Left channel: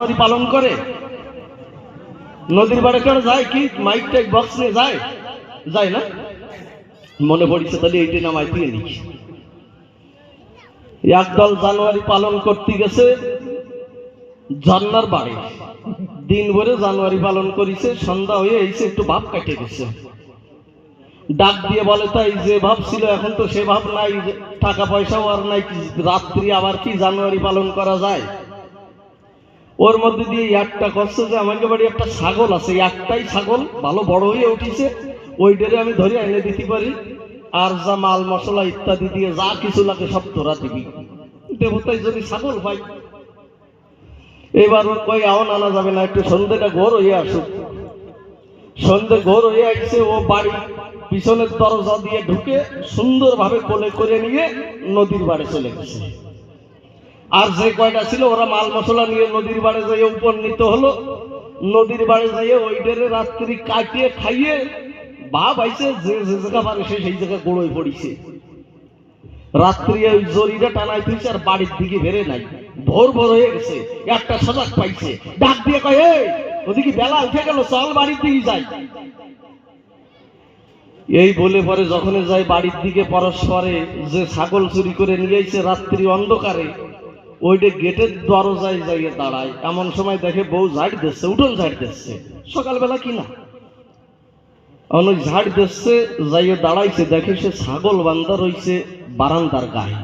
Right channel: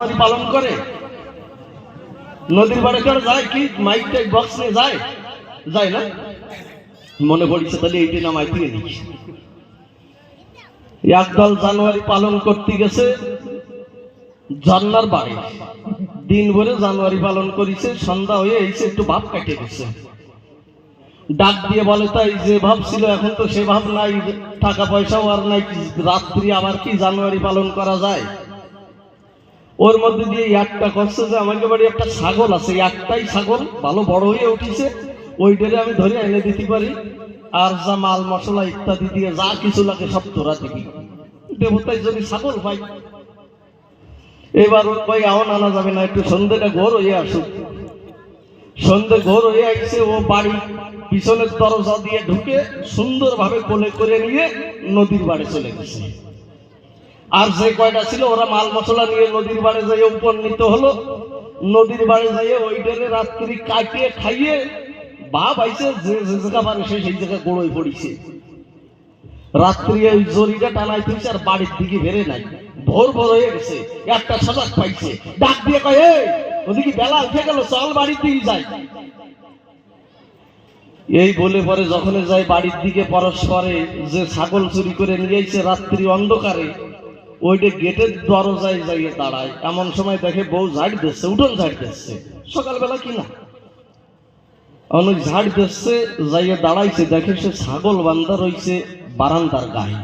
পালন করে। নদীর বাড়ি কারা যায় কি? মাইক টাইক বক্স নিয়ে যায়। যায় না? মনে পড়ছে তাহলে এইটা নামাই দিয়ে নিস একদল জানুয়ারি পালন করতে গেছে ঝর্নার বাড়ি। দিন ভরে জানুয়ারি পালন করেছে, সন্ধ্যা হয়ে এসে একটু ভাব কাটে গেছে। ডাক দিয়ে বলে তাই যে ভাব ছিল, এখন তো সে ভাব নাই টাকা পয়সাও আর নাই রাত্রি আবার কি জানুয়ারি পালন করা যায়? ওর মধ্যে দিয়ে একটা করছে যে আমার বাড়ি একটা ছাগল আছে একটাই ছাগল ভালো বড় হয়ে উঠেছে। ওইটারে আমি ধরে এনে দিতে পারি। আর যা মাল মশলা ইত্যাদি দিয়ে যা কিছু লাগে সব তোরা দিবি। দেবতায় যদি ছাগল পাই এবার কই আওন আনা যাবে না, একটু সন্ধ্যেটা ঘোর হয়ে আসুক। সন্ধ্যে ঘোর হয়ে আসছে ও বাড়ি পিছনের দরজা দিয়ে ঢুকে সুন্দরভাবে কোলে করে নিয়ে নদীর বাড়ি চলে গেছে। আর যে কয়টা ছিল, ওরা মাল মশলা নিয়ে নদীর বাড়ি যাইয়ে উপনীত হলো। নদীর বাড়ি যাইয়ে ওইটারে রাত্রি কাটিয়ে খাইয়ে বাপ আইছে, যে যে জায়গা পারে সে সেই জায়গায় গোড়োয় পড়িছে। রাত্রি ওই জরিটা টানাই তুইছে আর বাড়ির দিকে বেড়ে নাই। ভোর ভোর হয়ে গেছে, একটা সজাগ পাইছে। ডাক দিয়ে কয় ওদিকে বেলা উঠে গেল, চল দিকে যাই। এই বলে পরে যখন যায় বাড়ির দিকে, পরস্পরে যে ছাগল চুরি করে নিয়ে এসে রাত্রি অন্ধকারে ওইটা গেটের দরজায় যাইয়ে দাঁড়ায়। এমন সময় দেখে বউ ঝাড় দিচ্ছে, উঠোন ঝাড় দিচ্ছে। সকালবেলা কি না? অনেক ঝাড় দিচ্ছে, যাইয়ে দাঁড়াইছে, দেখে সে ছাগল বান্ধা রইছে বারান্দার গায়ে।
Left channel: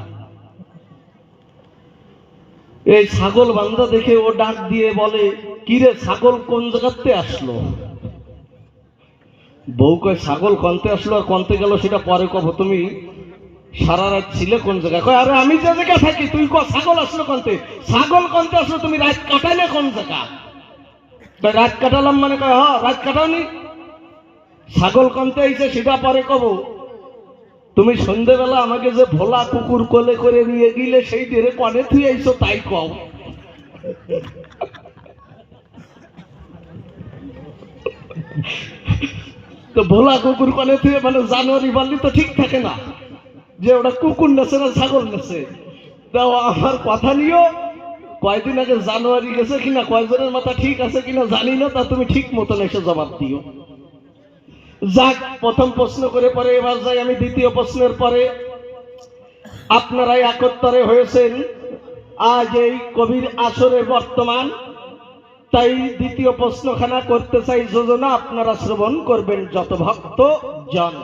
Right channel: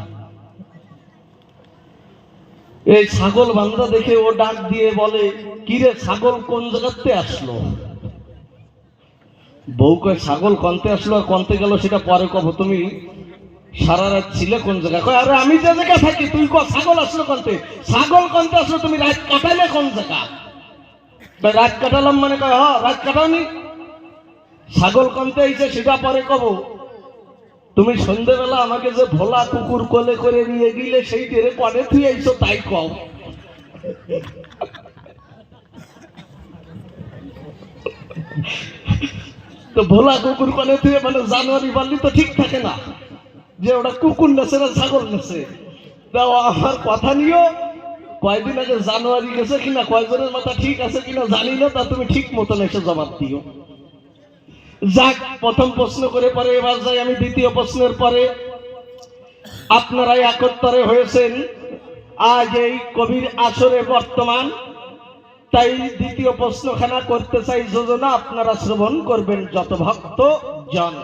এই ছাগল বান্ধা দেখে ও ডাক দিয়ে বলে, কিরে ছাগল কোন জায়গাতে আসলো? বউ কয় ছাগল কনতে আসলো, আর কনতে গেল সেটা পরে কব, তুমি সারা রাত ছিলে কোন জায়গায়? কয়, আরে আমি যে জায়গায় থাকি, তুই ক ছাগল আসলো কনতে? ছাগল কনতে আসলো? তুমি রাত কাটালে কোন জায়গা? রাত কাটালাম মানে কয় হ রাত কাটাওনি। ছাগল কনতে আইছে সেটা পরে কব। তুমি সন্ধেবেলা আমাকে যে ভোলা কুকুর কোলে করে নিয়ে গিলে সেই টেরে কনে তুই আইছো, তাই কও। তো ভোলা কুকুর কনে তুই মানে জানুয়ারি বাড়লি তো ঠিক থাকে না। যে ওটা কুকুর নেছে না ছাগল নেছে। তা আমার কথা নিও, কয়দিন আগে জানুয়ারি গেছে কিনা, কয়জনের মাথা ঠিক আছে কিনা জানি না, তা তুমি ঠিক মতন এসে জবাব দিও। যাক, প্রথম প্রশ্ন করে পরে এবার যাই আমি দ্বিতীয় প্রশ্নের পরে। আপনারাই একত্তরে হয়েছেন, আজ এই কবির আসরে বর্তমান। তাই দ্বিতীয় প্রশ্নখানা করতে চাই যোজনা, আপনারা শ্রবণ করবেন যত ভক্ত জন।